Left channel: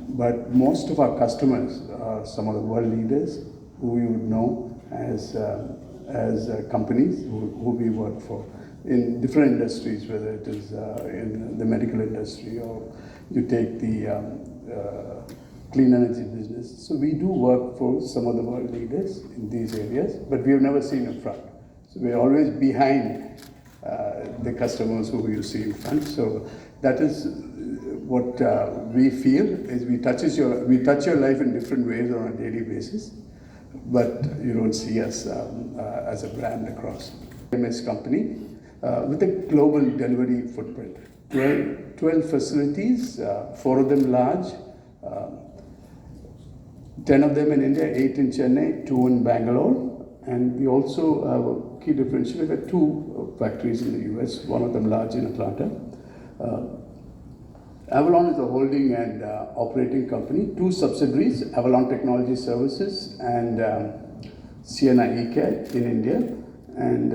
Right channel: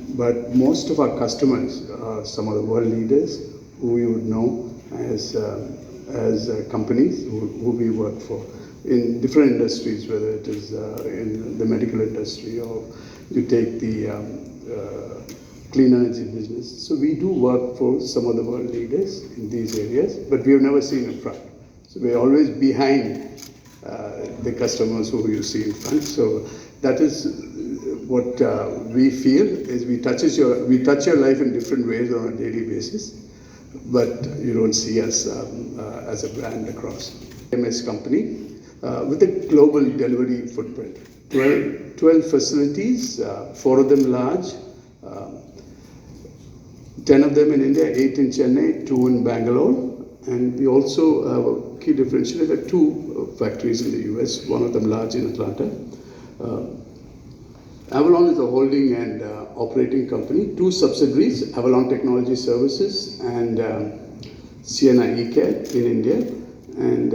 But most of our customers are some of the world leaders who you would know as companies who we work for in different industries, whether it is in the medical industry or you take the clean energy business. So we do work for some of the world leaders in these areas, but we have never seen in front. So we're always behind the customers who you see in front. So that is what we feel is we touch your life in different ways on a daily basis, but you don't see us as a brand across. MS company with a global delivery footprint, 12 facilities, 4 of them large, 10 of them in India, 8 in Chennai, 2 in Bangalore. And we also have a key differential. We have 2 factories in the US, one of them large in Atlanta. Avalon is a holding and operating company, 2 subsidiaries, Avalon Technology Services and Sienna eCare in India. And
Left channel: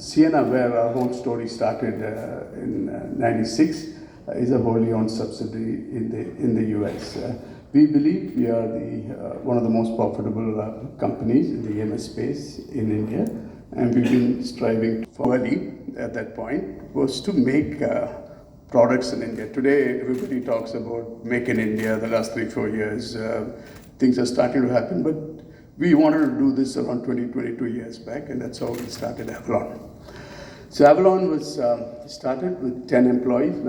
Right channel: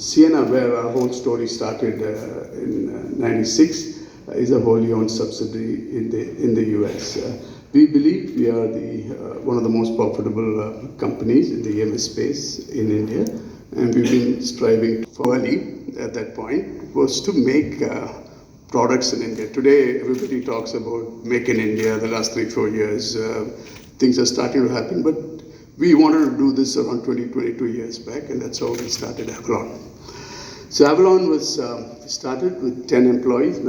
Sienna, where our whole story started in '96, is a wholly owned subsidiary in the US. We believe we are one of the most profitable companies in the EMS space in India, and we've been striving for early at that point was to make products in India. Today, everybody talks about make in India. The last 3-4 years, things are starting to happen, but we wanted to do this around 22 years back, and that's how we started Avalon. So Avalon was started with 10 employees in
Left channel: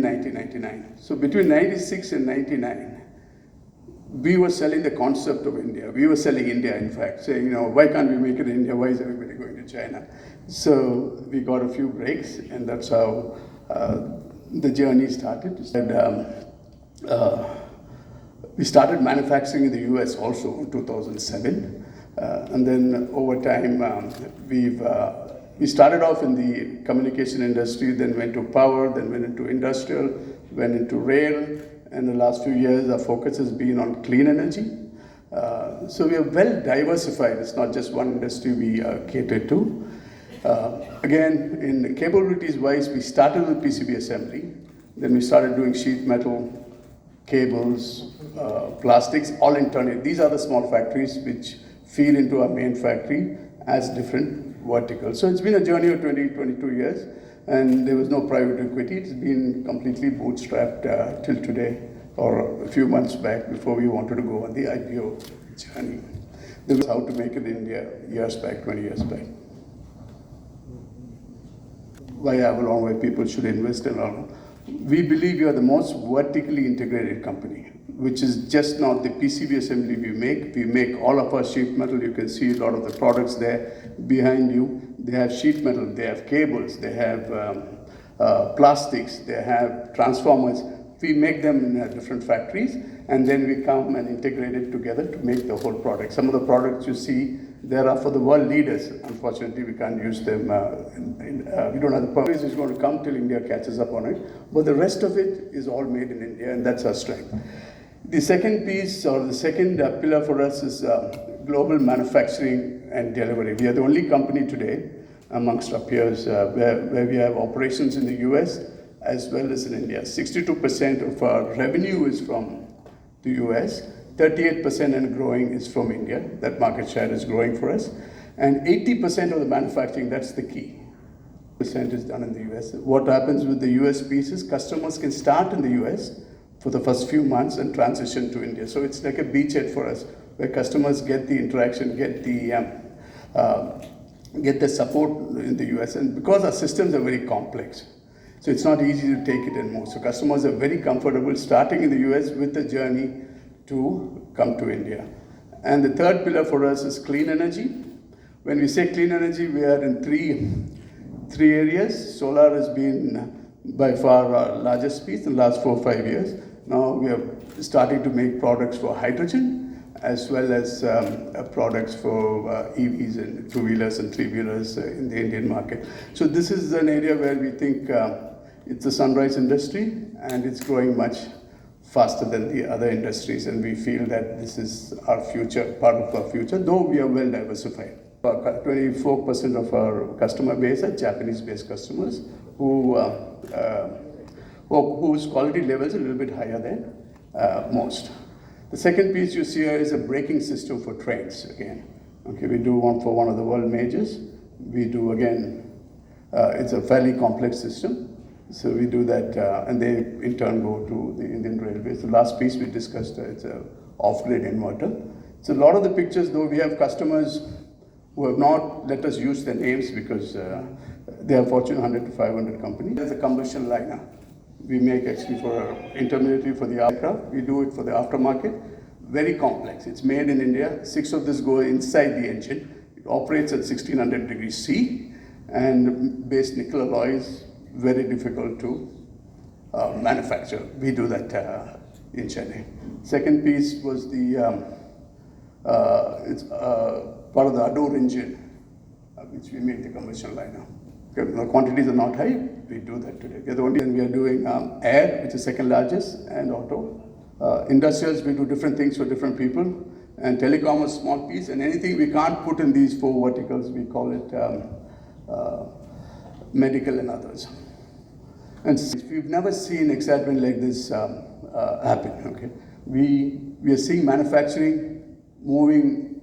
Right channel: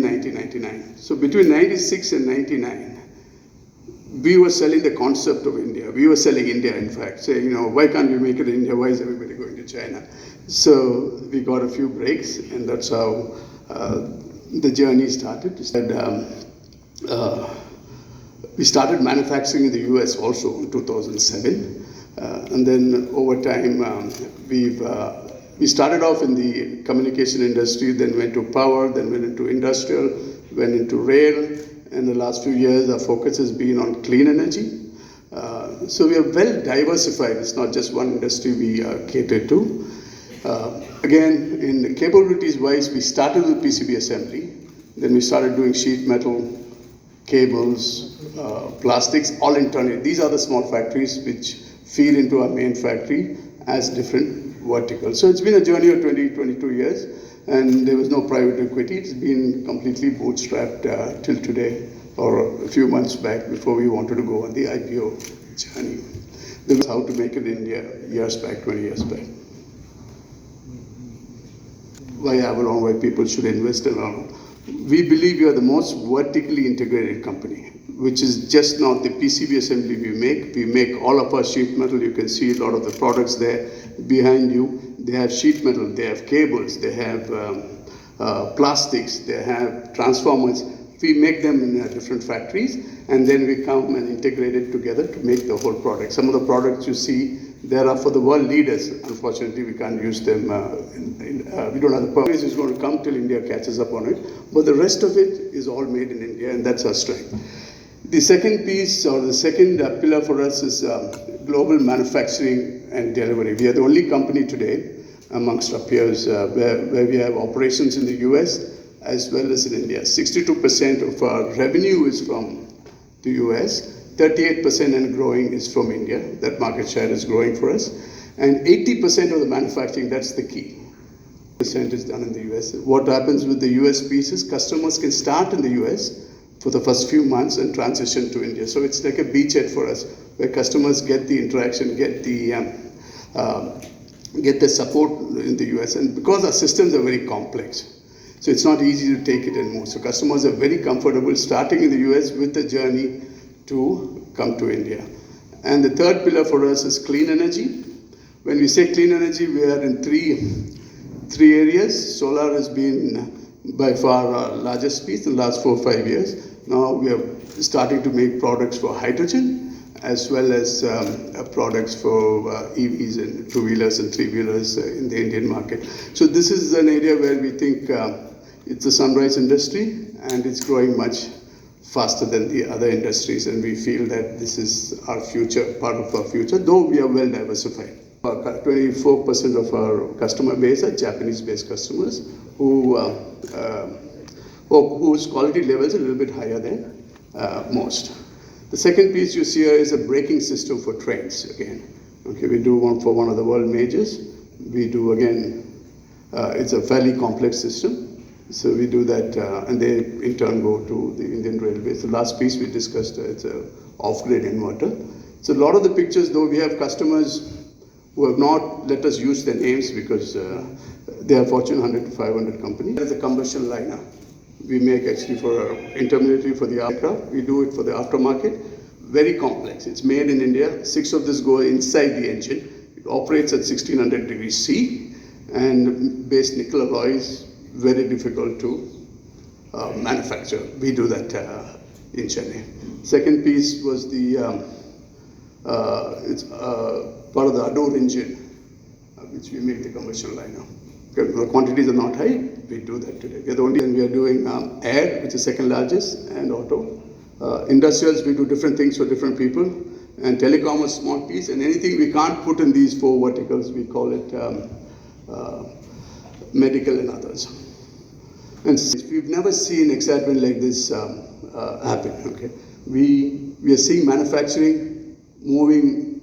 1999. So between 96 and 99, we were selling the concept of India. We were selling India, in fact, saying, why can't we make it in India? Why is everybody going to China? So we got a few breaks, and that's how the journey started. We started manufacturing in the US also in 2007. And then over time, we started off in the communication industry, then went to power, then went into industrial, went into rail, and the last few years our focus has been on clean energy. So we are well diversified. It's not just one industry we cater to. Again, in capabilities wise, we started with PCB assembly, then we started doing sheet metal, cables, plastics, all internally. These are the small factories which feed into our main factory as different verticals. So it's been a journey of 22 years, and there was no private equity. It's been completely bootstrapped till today, or a few months back before we wanted to go on the IPO journey. This is how to make it in India years back, 20 years back. Why Avalon, why people should invest in Avalon? We believe we are the most vertically integrated company, which is just not the PCB assembly we make. We make all of our sheet metal. You can see a lot of the products there behind you. They have sheet metal, they have cables, they have plastics, they have transformers. We make them in different factories, and then we come and integrate it together to make the whole product. Some of the products you see there are for the world leaders. Unfortunately, we can't use them. We don't have the power. It's going to come till India catches up on it. But the rest of it is all made in India, and that's our strength. The second piece, or the second pillar for us, is global manufacturing and delivery. We are the only company today amongst our peers where we have operations in the US as well as in India. 62% of our revenue is from the US. 38% and growing is from India. That market share is growing for us. And 80% of the manufacturing, that's the key, percent is done in the US. What happens with the US piece is customers can start in the US for the first few months and transition to India. So it's like a beachhead for us, where customers get the interaction, get the support in the US. And because our systems are very complex, so it's not easy to take it and move. So customers are very comfortable starting in the US with the journey to come to India. And the third pillar for us is clean energy. When we say clean energy, we are in three areas. Solar has been by far our largest piece in the last 4 or 5 years. Now we are starting to make products for hydrogen, as well as products for EVs and two-wheelers and three-wheelers in the Indian market. So this is an area where we think it's a sunrise industry, and it's growing much faster than the other industries, and we feel that this is our future, part of our future, though we are well diversified. 24% of our customer base are Japanese-based customers who whose quality level is a little bit higher than most. The second piece you see here is a braking system for trains again. Okay, we do one for one of the world majors. We do again, it's a fairly complex system. So we do that, and they in turn go to the Indian Railways. The last piece we discussed, it's a off-grid inverter. So a lot of the pictures, though, we have customers who have not let us use their names because they are Fortune 100 to 500 company. There's a combustion liner. We make actually for intermediary for the aircraft. We do it for the aftermarket. Very complex. It's made in India. 6 of this go inside the engine. It operates at 1600 degrees C, and base nickel alloys, very difficult to manufacture. We do that in Chennai. Second piece was the it's part of the Adore engine, which we make the combustion liner. Okay, the quantities are not high. We do that today. We're the only, and we are doing air, which is second largest, and auto. Industrials, we do different things for different people, and telecom is a small piece, and anything we can't put in these 4 verticals, we call it medical and others. And we've never seen excitement like this happen. Okay, we are seeing manufacturing moving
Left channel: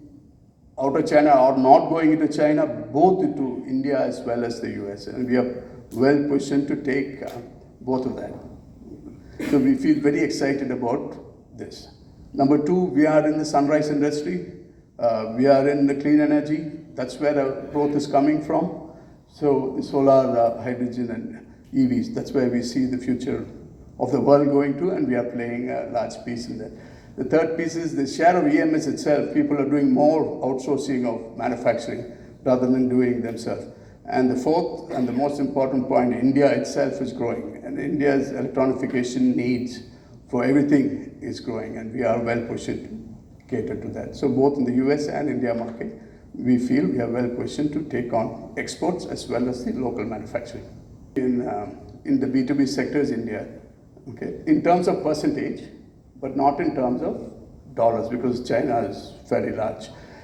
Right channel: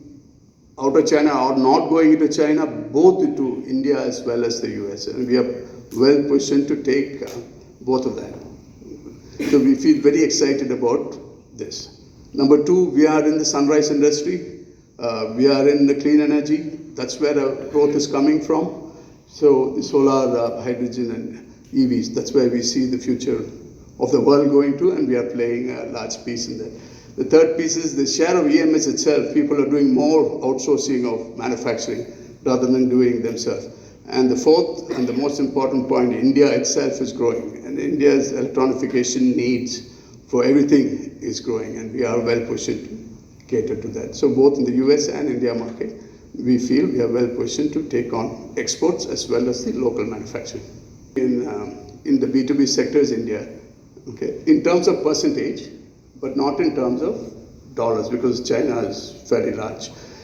out of China or not going into China, both into India as well as the US, and we are well positioned to take both of that. So we feel very excited about this. Number 2, we are in the sunrise industry. We are in the clean energy. That's where the growth is coming from. So the solar, hydrogen, and EVs, that's where we see the future of the world going to, and we are playing a large piece in that. The third piece is the share of EMS itself. People are doing more outsourcing of manufacturing rather than doing themselves. And the fourth and the most important point, India itself is growing, and India's electronification needs for everything is growing, and we are well positioned to cater to that. So both in the US and India market, we feel we are well positioned to take on exports as well as the local manufacturing. In the B2B sector is India, okay, in terms of percentage, but not in terms of dollars, because China is very large.